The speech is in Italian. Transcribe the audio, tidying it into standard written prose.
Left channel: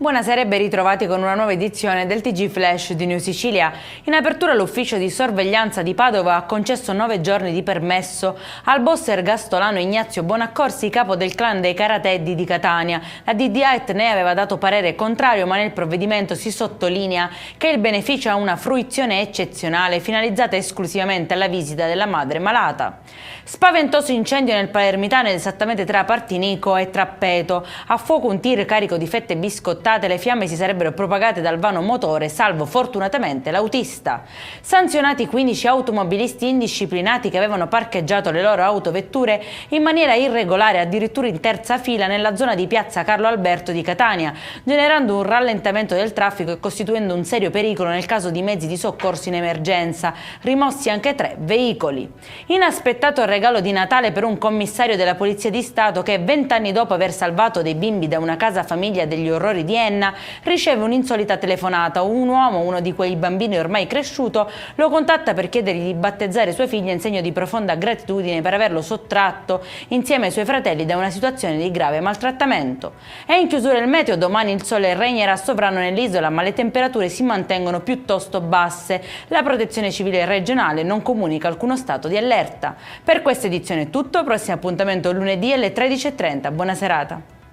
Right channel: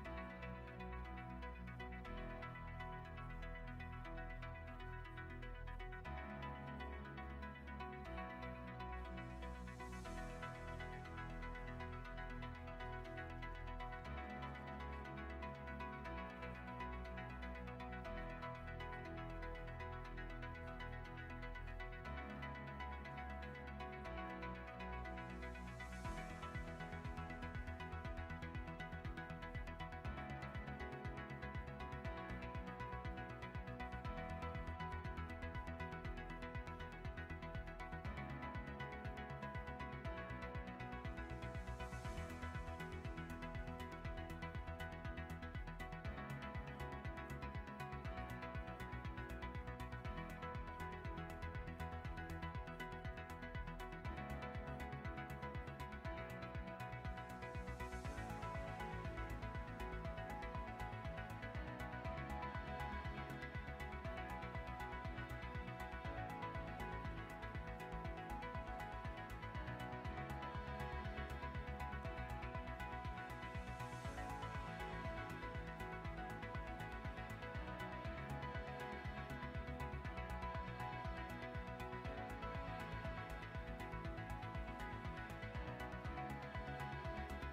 Buonasera e ben ritrovati con una nuova edizione del TG Flash di New Sicilia. In apertura l'ufficio di sorveglianza di Padova ha concesso 9 giorni di permesso al boss ergastolano Ignazio Bonaccorsi, capo del clan dei Carateddi di Catania. La DDAET ne aveva dato parere contrario, ma nel provvedimento si sottolinea che il beneficio ha una fruizione eccezionale finalizzata esclusivamente alla visita della madre malata. Spaventoso incendio nel Palermitano, esattamente tra Partinico e Trappeto. A fuoco un tir carico di fette biscottate, le fiamme si sarebbero propagate dal vano motore, salvo fortunatamente l'autista. Sanzionati 15 automobilisti indisciplinati che avevano parcheggiato le loro autovetture in maniera irregolare, addirittura in terza fila nella zona di piazza Carlo Alberto di Catania, generando un rallentamento del traffico e costituendo un serio pericolo nel caso di mezzi di soccorso in emergenza, rimossi anche 3 veicoli. Inaspettato regalo di Natale per un commissario della Polizia di Stato che 20 anni dopo aver salvato dei bimbi da una casa famiglia degli orrori di Enna riceve un'insolita telefonata. Un uomo, uno di quei bambini ormai cresciuto, lo contatta per chiedergli di battezzare sua figlia in segno di profonda gratitudine per averlo sottratto insieme ai suoi fratelli da una situazione di grave maltrattamento. È in chiusura il meteo, domani il sole regnerà sovrano nell'isola, ma le temperature si mantengono piuttosto basse. La Protezione Civile regionale non comunica alcuno stato di allerta. Per questa edizione è tutto, prossimo appuntamento lunedì alle 13:30. Buona serata.